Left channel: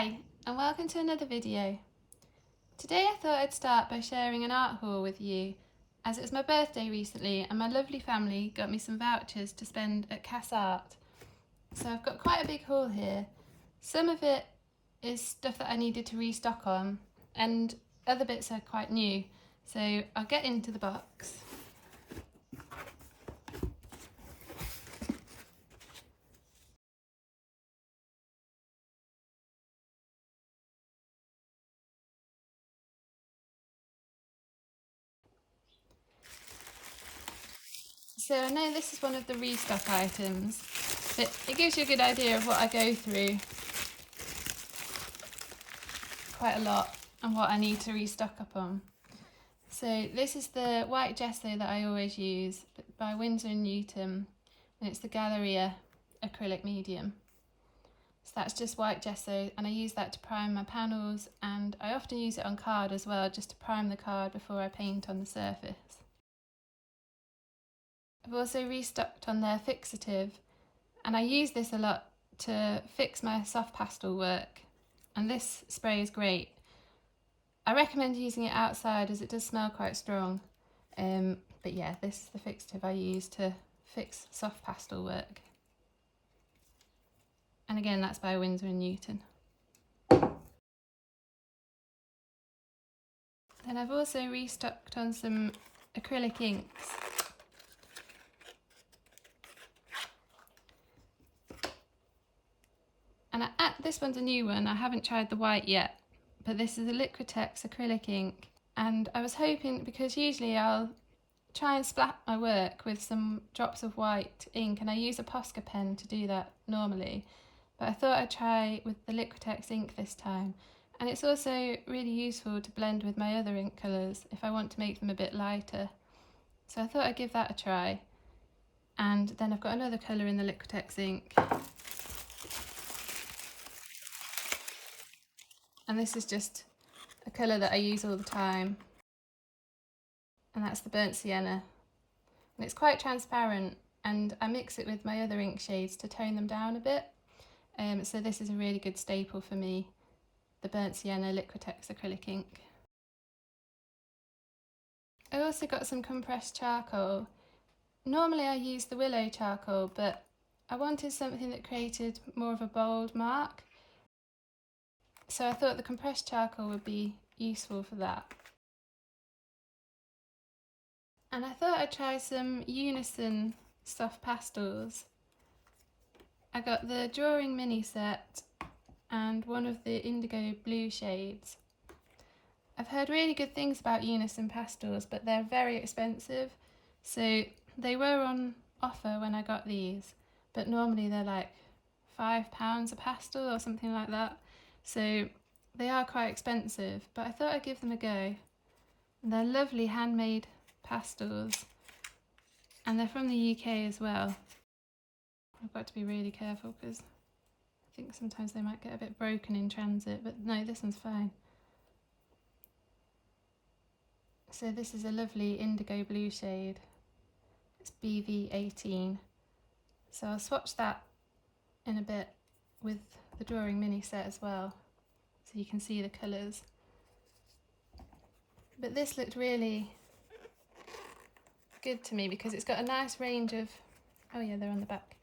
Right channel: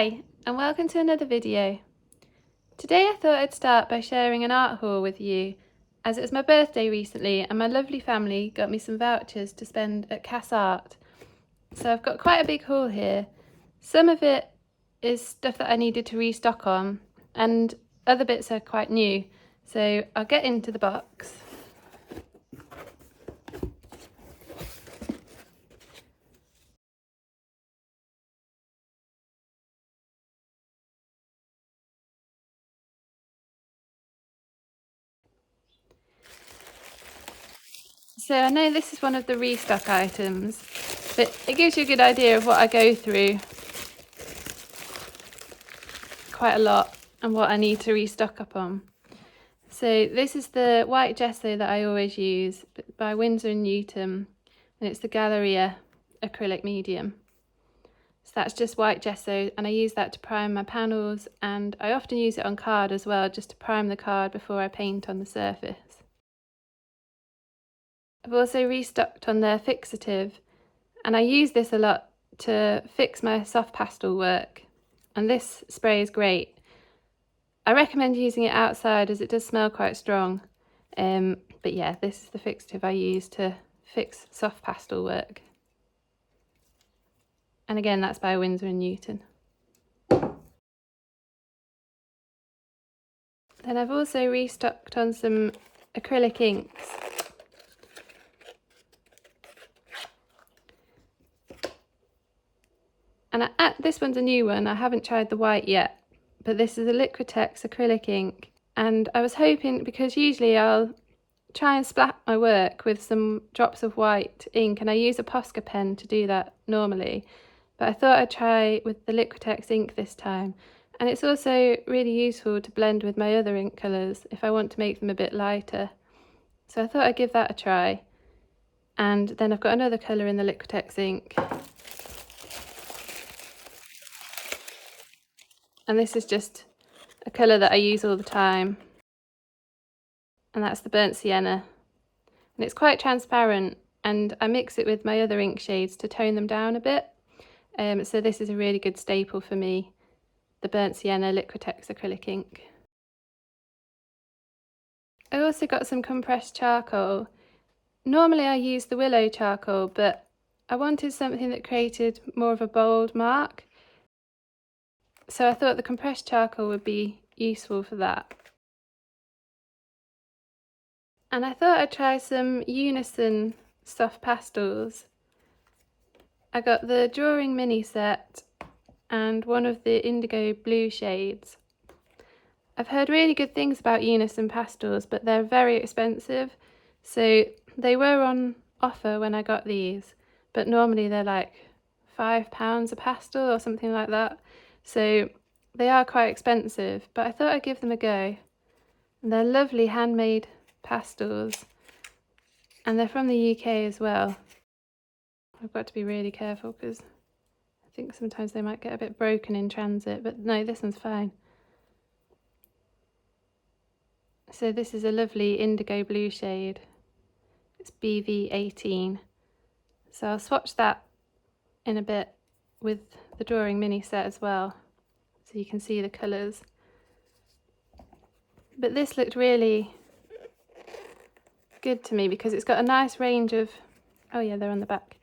Hi, and welcome to another video. Today I thought I'd start by sharing an art haul with you, as it was my birthday recently and my lovely family got me some vouchers to spend at Cass Art. So I've got quite a big haul here. Some of it is stuff that I needed to restock on, and other bits are quite new. So I'll get into the box. So I know this is one of the restock items, but it gives you a good idea of what I go through quite a lot and what I need to restock up on. So this is the white gesso that I always use by Winsor & Newton, and it's the Galleria acrylic medium. So that's just white gesso, and I use that to prime my panels, and I often use it on card as well, just to prime the card before I paint on the surface. I've also restocked on their fixative, and I use this a lot to fix my soft pastel work, and this spray is great. I recommend using it outside as it does smell quite strong, but yeah, this is the fixative I use to fix soft pastel work. And again, that's by Winsor & Newton. Then I've also restocked on some acrylic inks. And this one's a new one, I haven't tried the white yet, but this is a Liquitex acrylic ink. And I was hoping, because usually I'll try and splat my work with some drops of white ink, and I use a Posca pen to do that normally, but I thought I'd try with the Liquitex ink this time. And it's also really useful to blend with my other ink colours if I want to make them a bit lighter. So I thought I'd give that a try. And then I've got another colour in the Liquitex ink. And this is just a colour that I use all the time. And that's the burnt sienna. And it's quite transparent, and I mix it with my other ink shades to tone them down a bit. So this is a really good staple for me, the burnt sienna Liquitex acrylic ink. I also got some compressed charcoal. Normally I use the willow charcoal, but I wanted something that created more of a bold mark, so I thought the compressed charcoal would be useful for that. And I thought I'd try some Unison soft pastels. I got the drawing mini set and one of the indigo blue shades. I've heard really good things about Unison pastels, but they're very expensive, so they were on offer when I got these, but normally they're like £5 a pastel or something like that, so they are quite expensive, but I thought I'd give them a go. And they're lovely handmade pastels, and they're from the UK as well. I've got to be really careful because I think sometimes they might get a bit broken in transit, but no, this one's fine. So this is a lovely indigo blue shade. It's BV18. So I'll swatch that in a bit with the drawing mini set as well, so you can see the colours. But this looked really good to me because it's got a nice range of, oh yeah, they're on the back.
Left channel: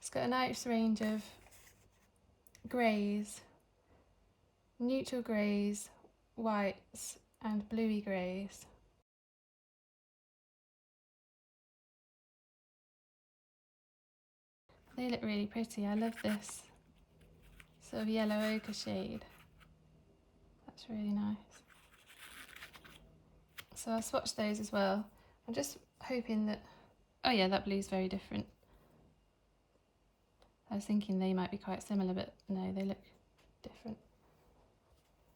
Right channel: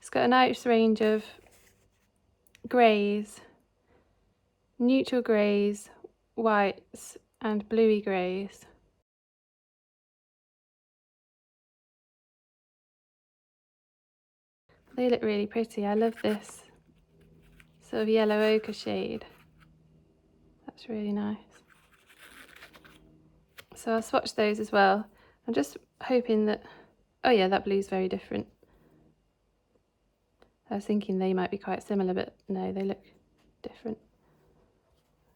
It's got a nice range of greys, neutral greys, whites and bluey greys. They look really pretty. I love this sort of yellow ochre shade. That's really nice. So I'll swatch those as well. I'm just hoping that, oh yeah, that blue's very different. I was thinking they might be quite similar, but no, they look different.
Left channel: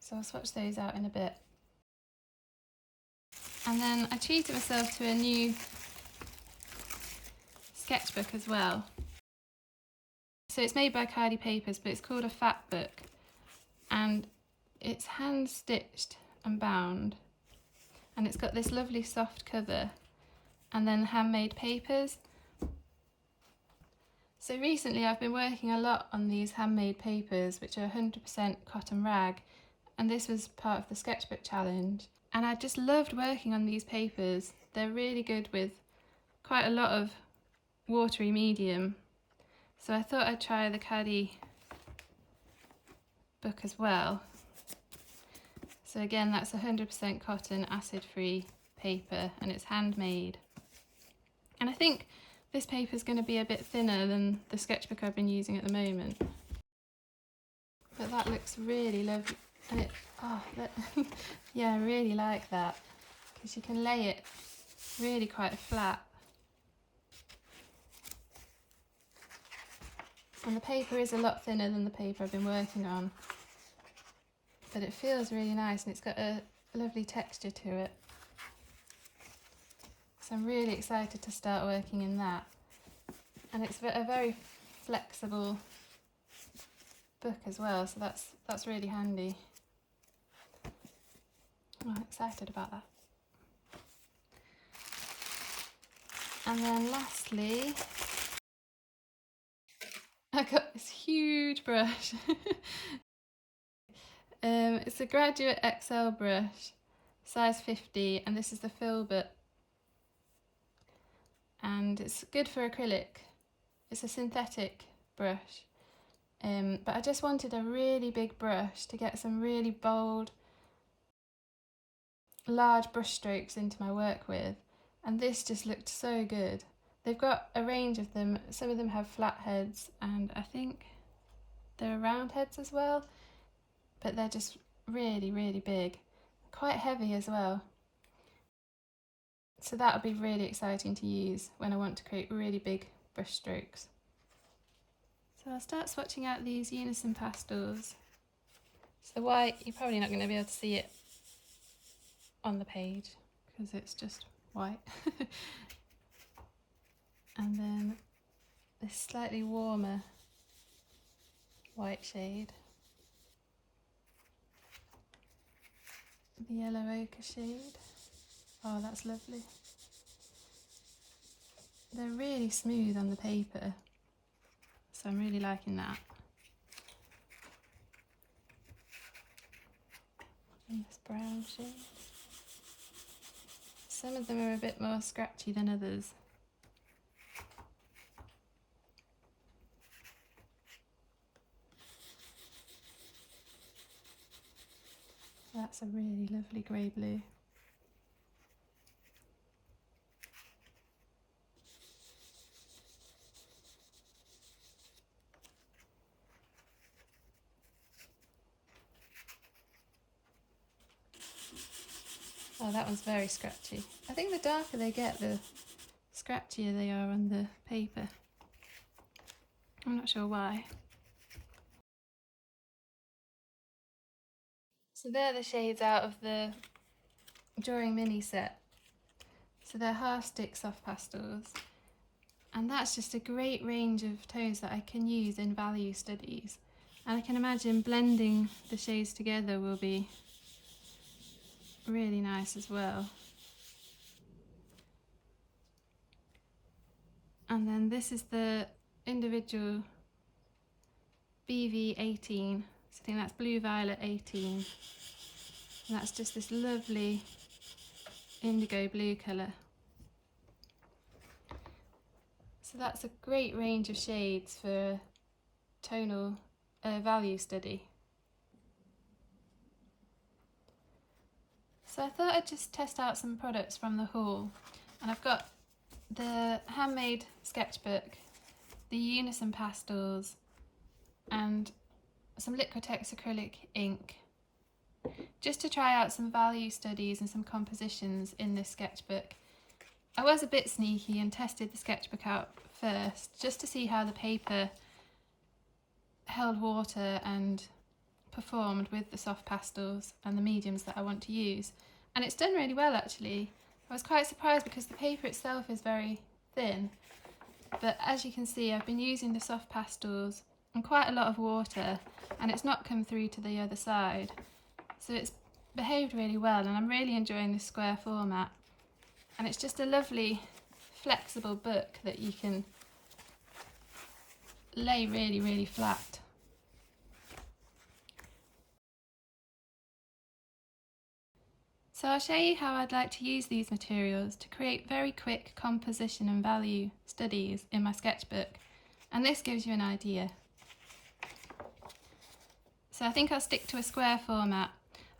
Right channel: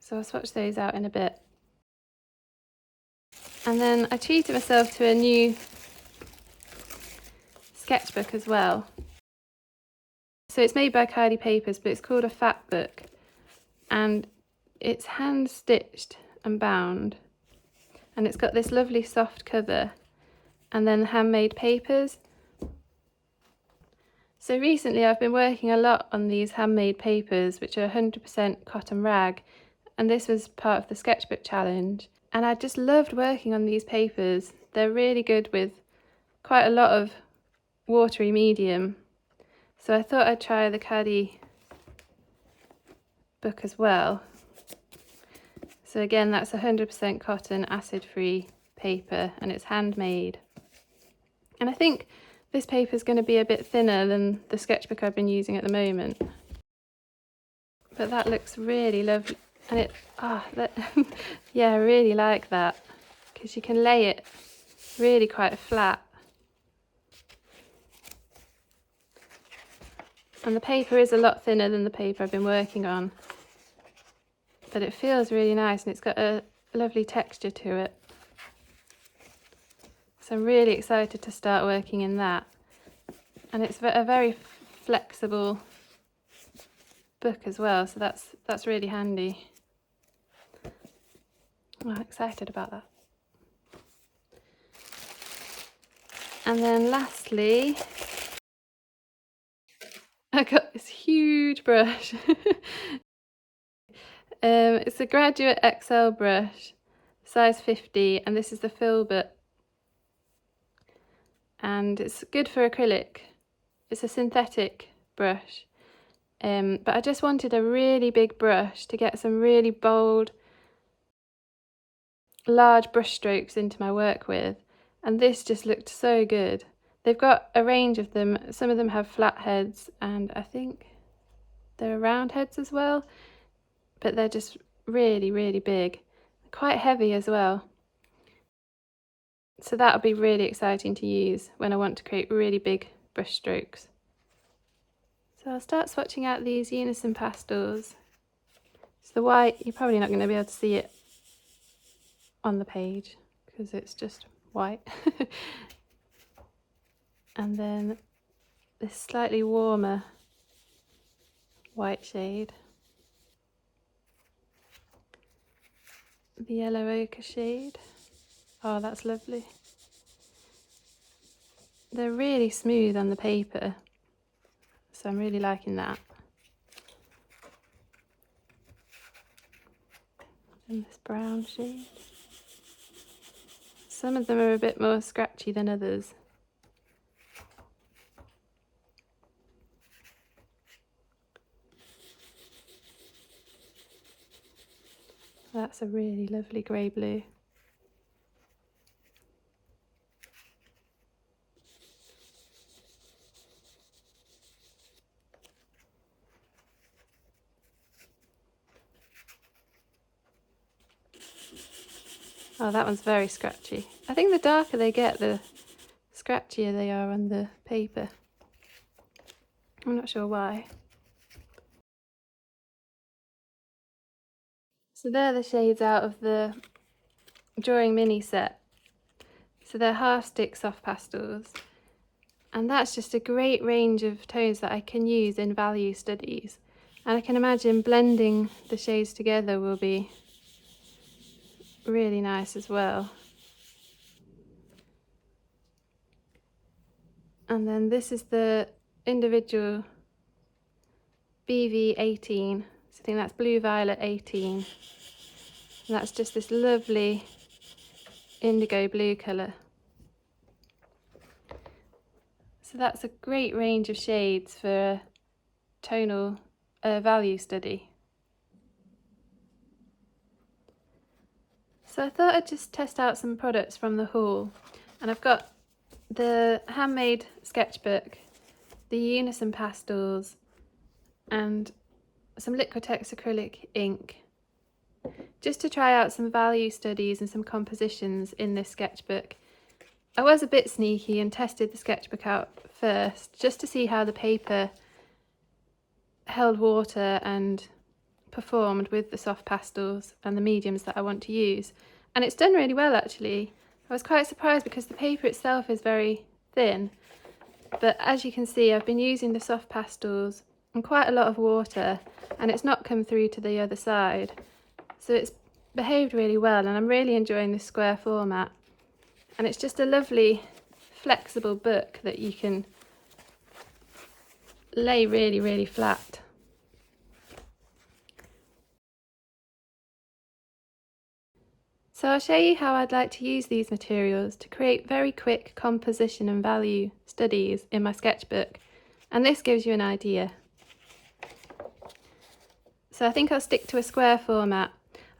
So I'll swatch those out in a bit. And then I treated myself to a new sketchbook as well. So it's made by Kylie Papers, but it's called a fat book, and it's hand stitched and bound, and it's got this lovely soft cover and then handmade papers. So recently I've been working a lot on these handmade papers, which are 100% cotton rag, and this was part of the sketchbook challenge. And I just loved working on these papers. They're really good with quite a lot of watery medium. So I thought I'd try the Caddy book as well. So again, that's 100% cotton, acid-free paper, and it's handmade. And I think this paper is going to be a bit thinner than the sketchbook I've been using at the moment. But that looks really lovely. And it, yeah, I really like that, because you can lay it really quite flat. And the paper is a lot thinner than the paper I've been working on, but it feels really nice and it's got a lovely texture to it. So I'm really excited to start working in that. And it's a very flexible book as well, so that's really handy. I'm excited about that. And then lastly, I got this huge brush. It's a Graduate XL brush, size 50, and this is the filbert. And it's good for acrylic. It's a synthetic brush. But I just wanted a really big brush to get some really bold, large brush strokes into my work with, and this just looked so good. They've got a range of them. Some of them have flat heads, and I think there are round heads as well, but they're just really, really big, quite heavy as well. So that'll be really exciting to use when I want to create really big brush strokes. So I'll start swatching out these Unison pastels. So the white, you're probably not going to be able to see it on the page because it's just white. And then this slightly warmer white shade, the yellow ochre shade. Oh, that's lovely. They're really smooth on the paper, so I'm really liking that. And this brown shade. Some of them are a bit more scratchy than others. That's a really lovely grey blue. Oh, that one's very scratchy. I think the darker they get, the scratchier they are on the paper. I'm not sure why. So they're the shades out of the drawing mini set. So they're half stick soft pastels. And that's just a great range of tones that I can use in value studies. And I can imagine blending the shades together will be really nice as well. And then this is the individual BV18. So I think that's Blue Violet 18. And that's just this lovely indigo blue colour. So that's a great range of shades for a tonal value study. So I thought I'd just test out some products from the haul, and I've got the handmade sketchbook, the Unison pastels, and some Liquitex acrylic ink, just to try out some value studies and some compositions in this sketchbook. I was a bit sneaky and tested the sketchbook out first, just to see how the paper held water and performed with the soft pastels and the mediums that I want to use. And it's done really well actually. I was quite surprised because the paper itself is very thin, but as you can see I've been using the soft pastels and quite a lot of water, and it's not come through to the other side, so it's behaved really well, and I'm really enjoying this square format. And it's just a lovely flexible book that you can lay really, really flat. So I'll show you how I'd like to use these materials to create very quick composition and value studies in my sketchbook, and this gives you an idea. So I think I'll stick to a square format.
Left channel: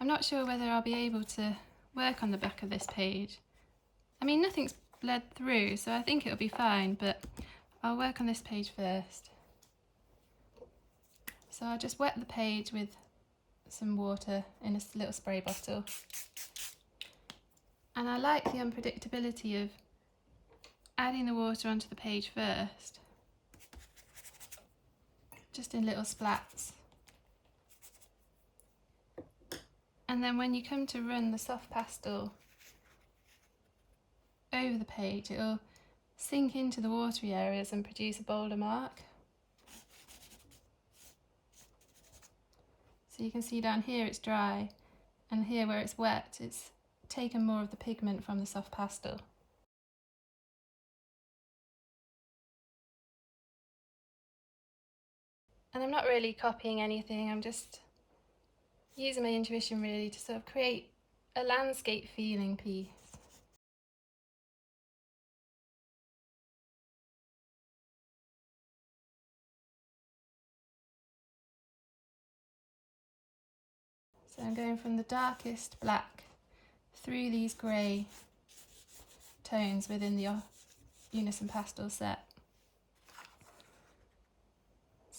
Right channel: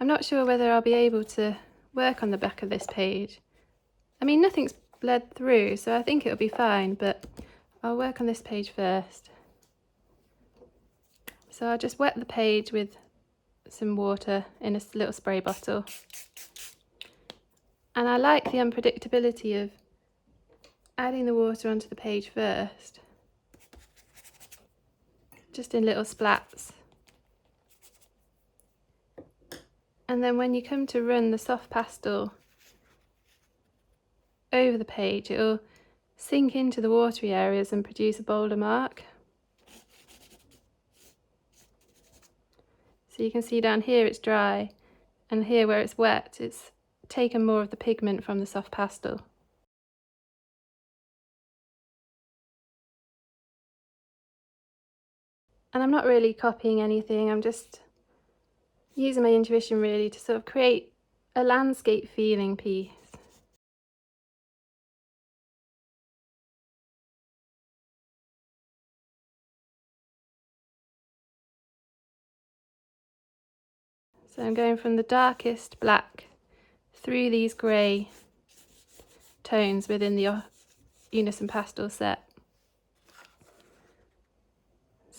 I'm not sure whether I'll be able to work on the back of this page. I mean, nothing's bled through, so I think it'll be fine, but I'll work on this page first. So I'll just wet the page with some water in a little spray bottle. And I like the unpredictability of adding the water onto the page first, just in little splats. And then when you come to run the soft pastel over the page, it'll sink into the watery areas and produce a bolder mark. So you can see down here it's dry, and here where it's wet, it's taken more of the pigment from the soft pastel. And I'm not really copying anything, I'm just using my intuition really to sort of create a landscape feeling piece. So I'm going from the darkest black through these grey tones within the Unison pastel set.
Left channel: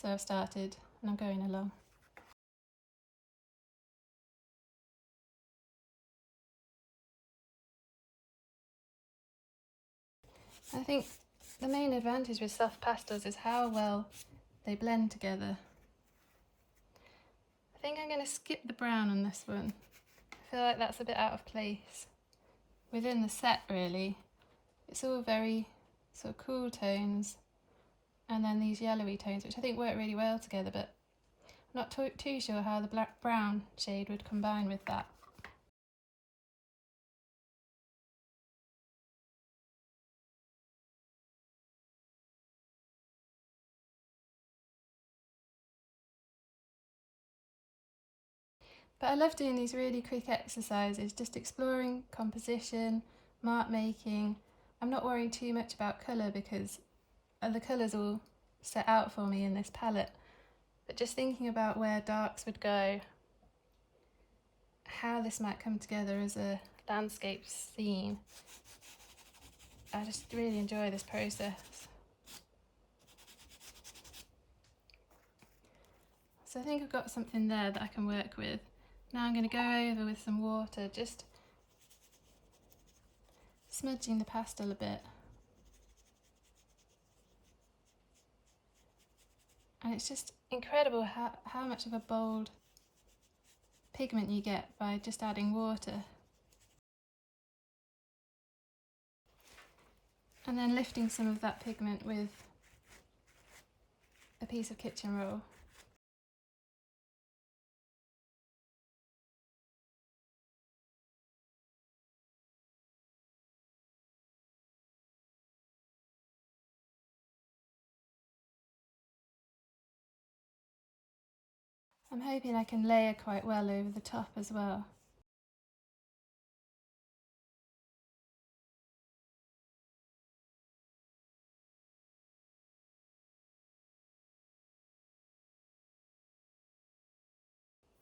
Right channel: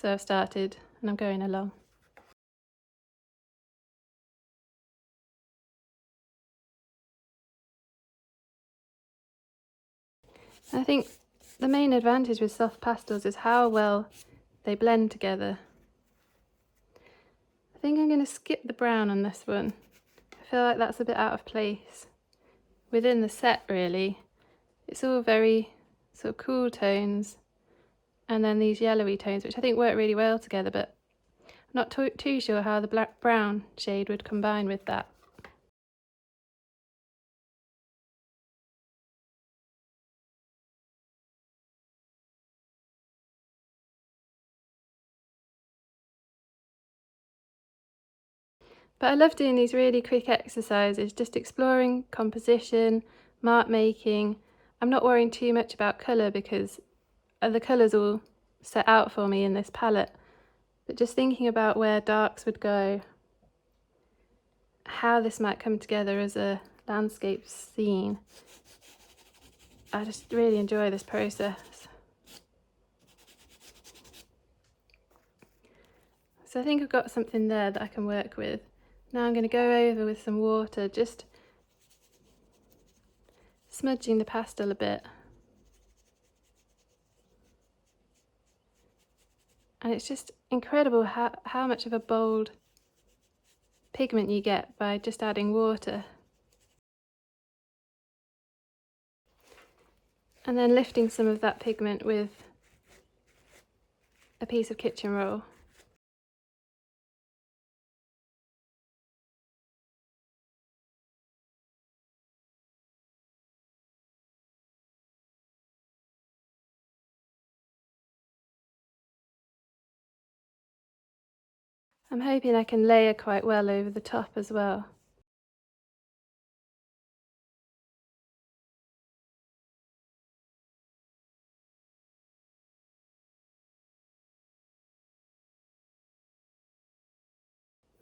So I've started and I'm going along. I think the main advantage with soft pastels is how well they blend together. I think I'm going to skip the brown on this one. I feel like that's a bit out of place within the set really. It's all very sort of cool tones, and then these yellowy tones which I think work really well together, but I'm not too sure how the black brown shade would combine with that. But I love doing these really quick exercises, just exploring composition, mark making. I'm not worrying too much about colour because the colours all set out for me in this palette, but just thinking about where darks would go, how this might come together as a landscape scene. I just really enjoy this process. So I think I've got something there that I can work with. Now I'm going to go over with some water, just smudging the pastel a bit. And it's just incredible how much of a bold pigment you get by just adding water. And then lifting some of that pigment with a piece of kitchen roll. I'm hoping I can layer quite well over the top as well.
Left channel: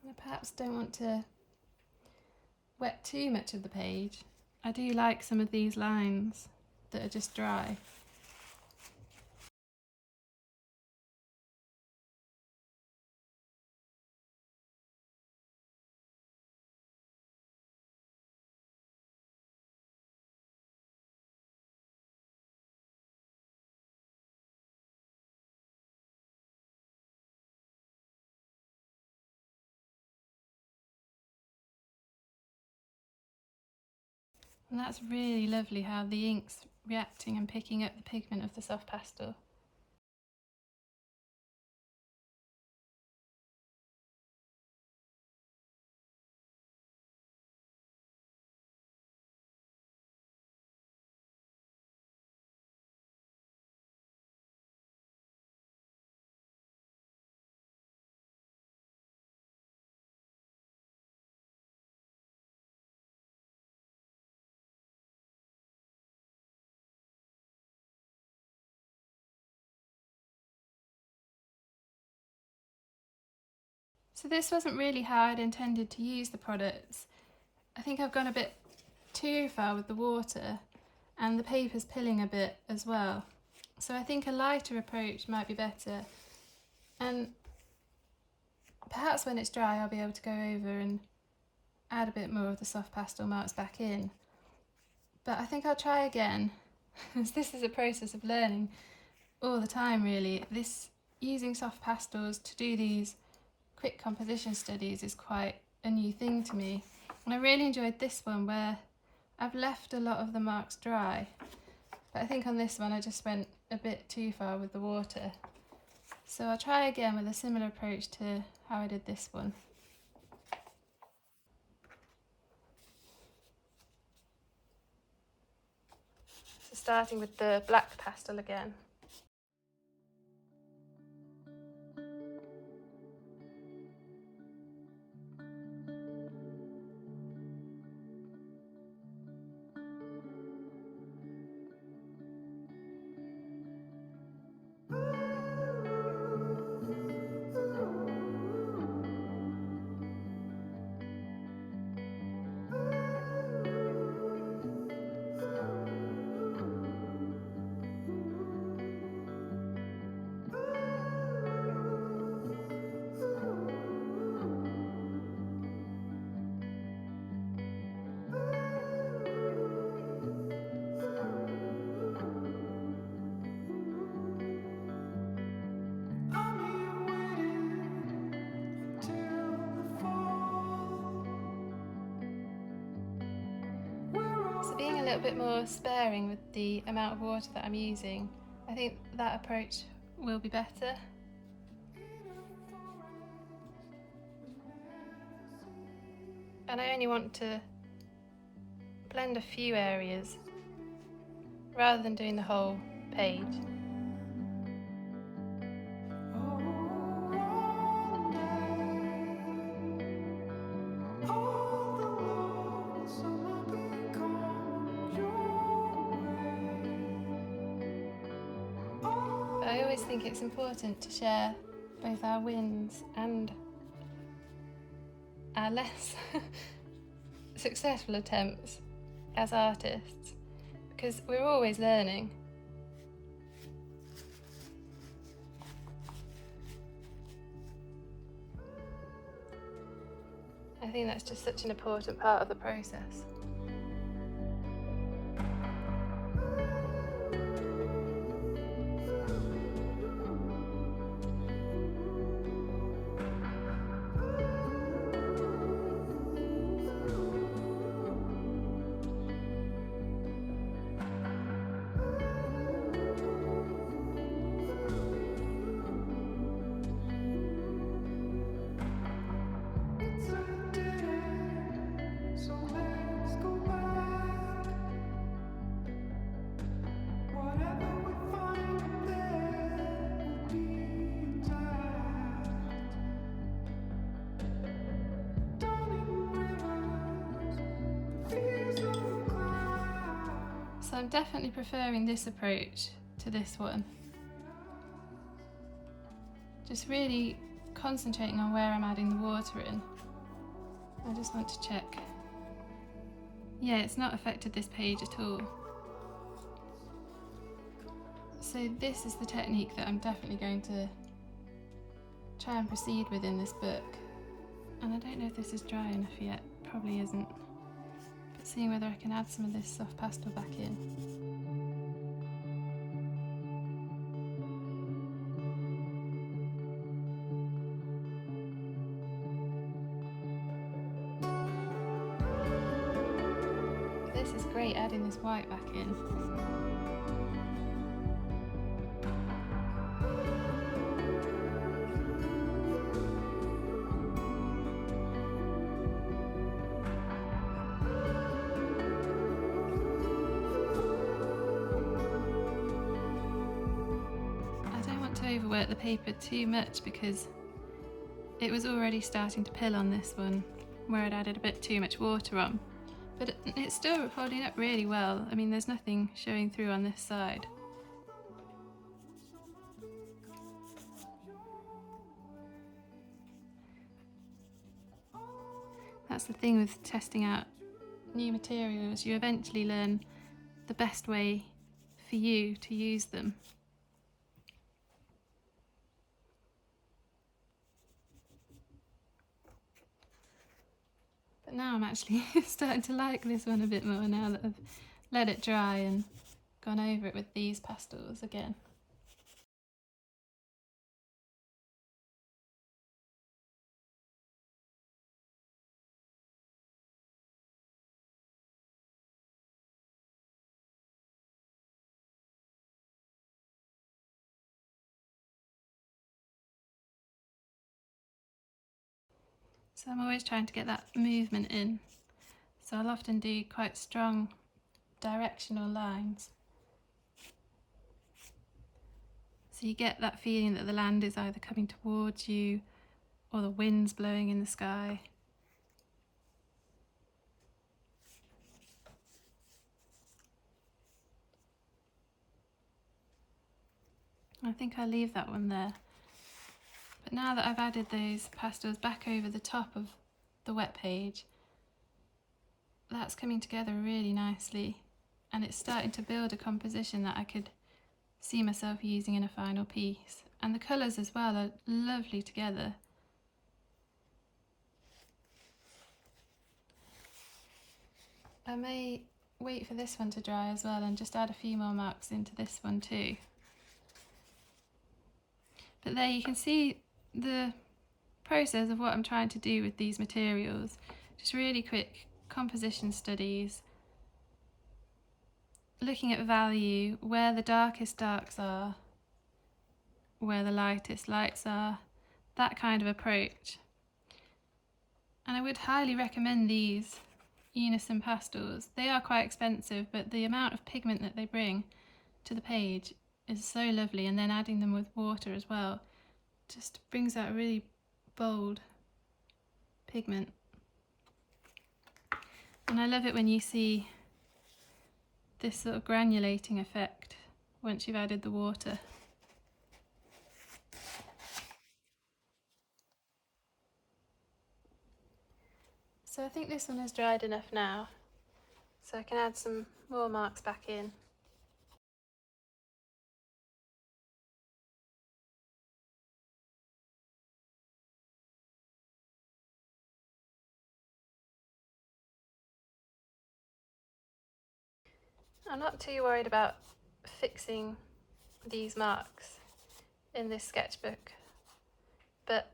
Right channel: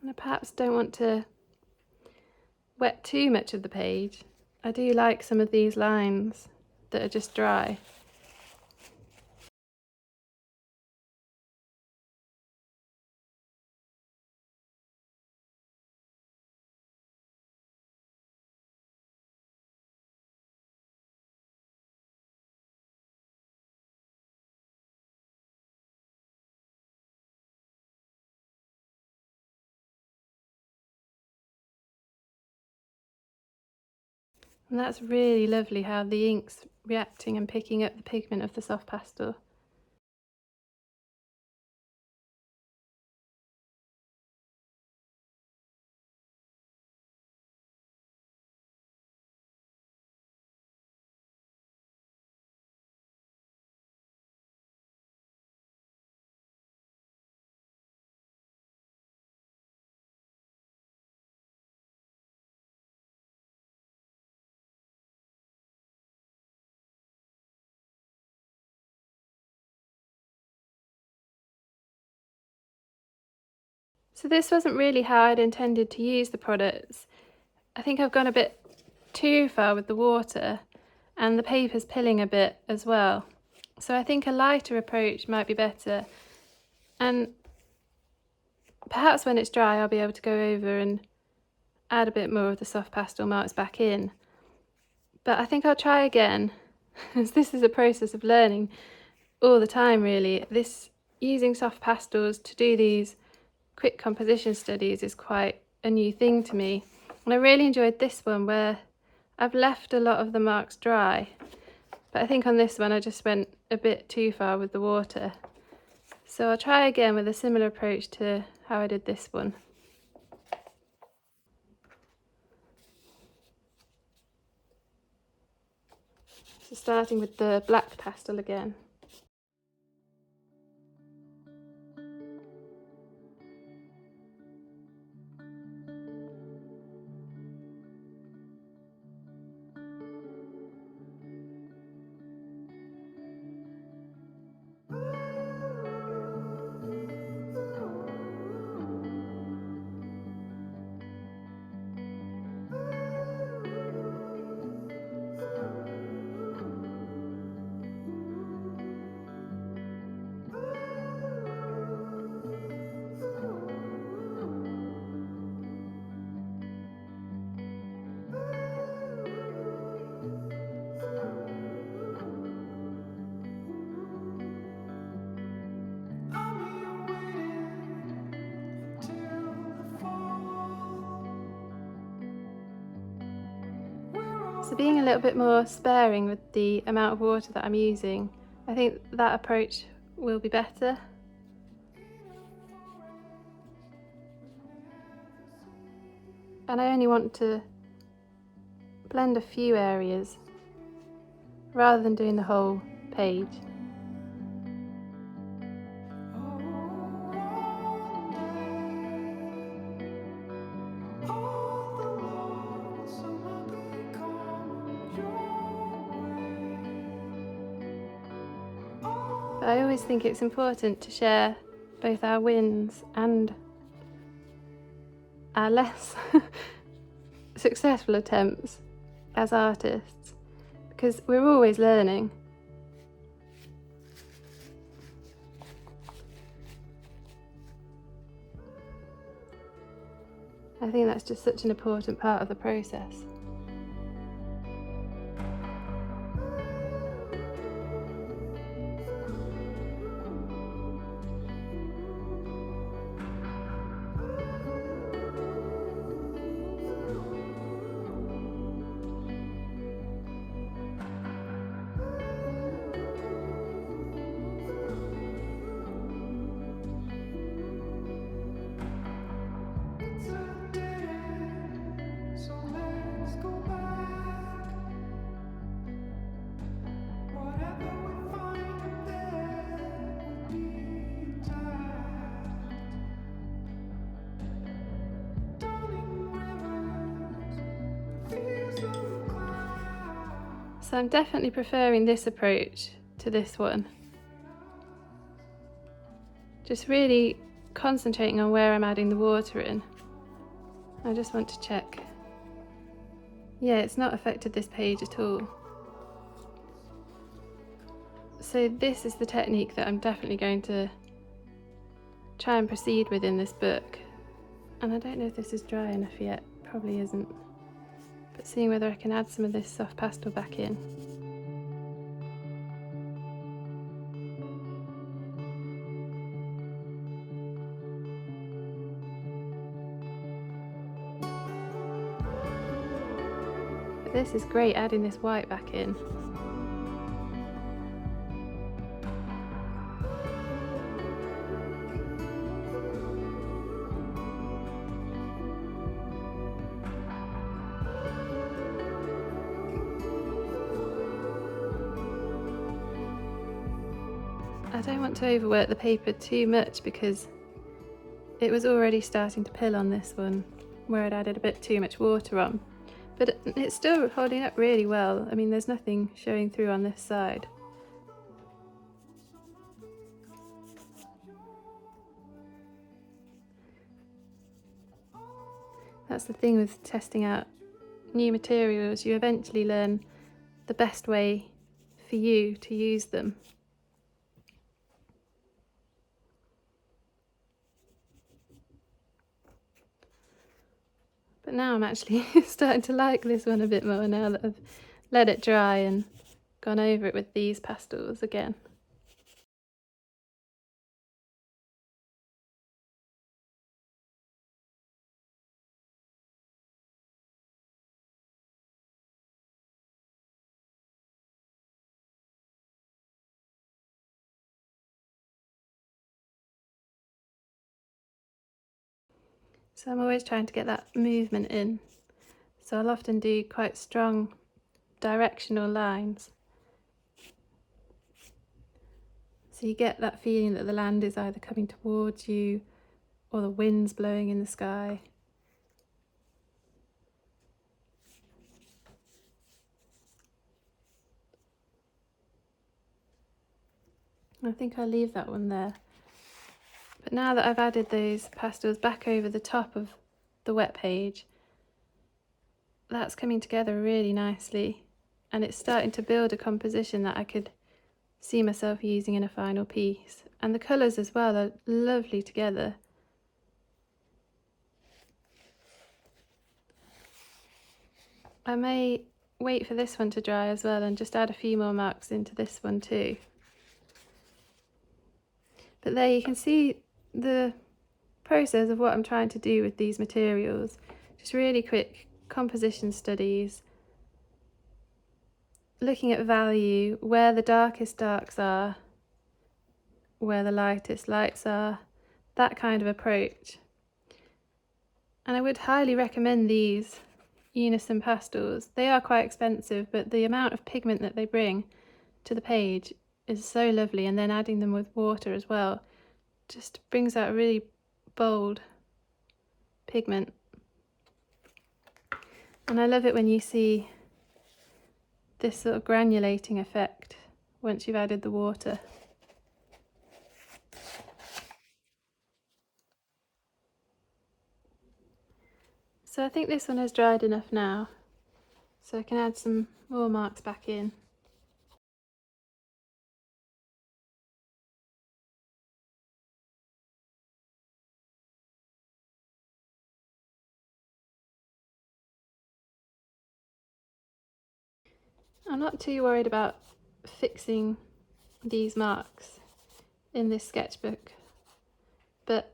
And I perhaps don't want to wet too much of the page. I do like some of these lines that are just dry. And that's really lovely how the ink's reacting and picking up the pigment of the soft pastel. So this wasn't really how I'd intended to use the products. I think I've gone a bit too far with the water, and the paper's pilling a bit as well. So I think a lighter approach might be better, and perhaps when it's dry I'll be able to go over and add a bit more of the soft pastel marks back in. But I think I'll try again, as this is a process of learning all the time really. Using soft pastels to do these quick composition studies is quite a new thing to me, and I really enjoyed this one where I've left a lot of the marks dry, but I think on this one I just went a bit too far with the water. So I'll try again with a similar approach to how I did this one. So starting with the black pastel again. So being a little bit more sparing with the amount of water that I'm using, I think that approach will be better. And I only want to blend a few areas rather than doing the whole page. I always think it's important to share both our wins and our less successful attempts as artists, because we're always learning. I think that's just such an important part of the process. So I'm definitely preferring this approach to this one. Just really concentrating on where I'm adding the water in. I just want to check. Yeah, it's not affected this page at all. So this is the technique that I'm definitely going to try and proceed with in this book. And I don't know if this is dry enough yet, probably isn't. But seeing whether I can add some of this soft pastel back in. But this is great, adding this white back in. I don't want to overwork the paper too much because it was already starting to pill on this one where I'd added a bit too much water on, but it's still holding up really well. I mean, there's nothing showing through on this side. That's the thing with testing out new materials, you eventually learn the best way for you to use them. But now I'm actually starting to like this one a bit more now that I've let it dry and gone over it with these pastels again. So I'm always trying to get that movement in. So I'll often do quite strong directional lines. So you get that feeling that the land is either coming towards you or the wind's blowing in the sky. I think I'll leave that one there. But now that I've added those pastels back over the top of the wet page, that's coming together really nicely, and it's starting to build a composition that I could see myself using in a final piece. And the colours as well are lovely together. I may wait for this one to dry as well and just add a few more marks into this one too. But there you can see the process of what I'm trying to do with these materials. Just really quick composition studies, looking at value, where the darkest darks are, where the lightest lights are, that kind of approach. And I would highly recommend these Unison pastels. They are quite expensive, but the amount of pigment that they bring to the page is so lovely, and then adding them with water as well just brings out a really bold pigment. And I love it when you see this sort of granulating effect once you've added the water. So I think this one has dried enough now, so I can add some more marks back in. I'm not too worried about fixing these marks in this sketchbook, but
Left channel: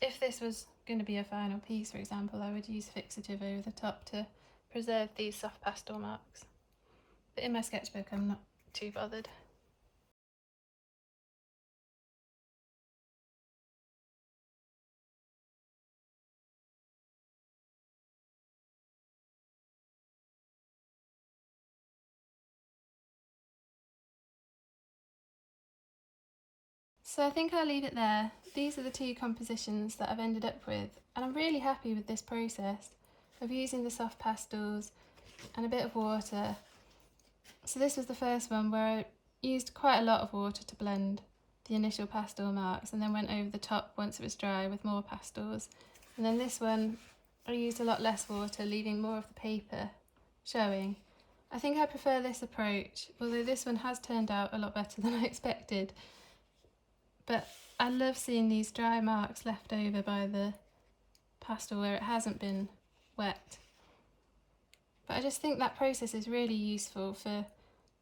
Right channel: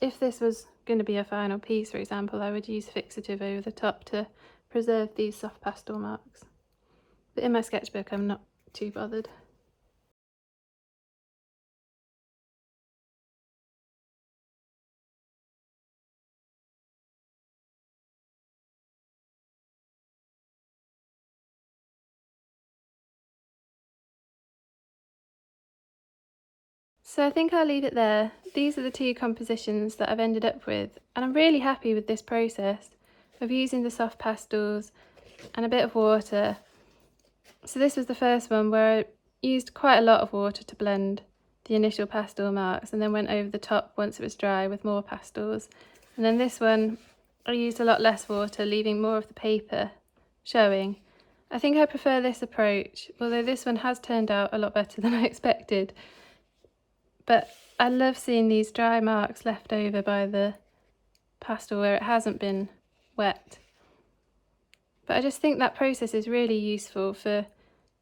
if this was going to be a final piece, for example, I would use fixative over the top to preserve these soft pastel marks. But in my sketchbook I'm not too bothered. So I think I'll leave it there. These are the two compositions that I've ended up with, and I'm really happy with this process of using the soft pastels and a bit of water. So this was the first one where I used quite a lot of water to blend the initial pastel marks, and then went over the top once it was dry with more pastels. And then this one I used a lot less water, leaving more of the paper showing. I think I prefer this approach, although this one has turned out a lot better than I expected. But I love seeing these dry marks left over by the pastel where it hasn't been wet. But I just think that process is really useful for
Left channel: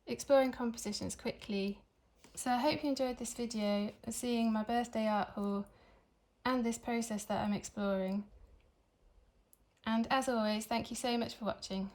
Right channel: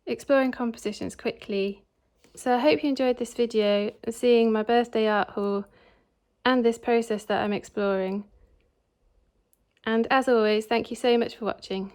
exploring compositions quickly. So I hope you enjoyed this video of seeing my birthday art haul and this process that I'm exploring. And as always, thank you so much for watching.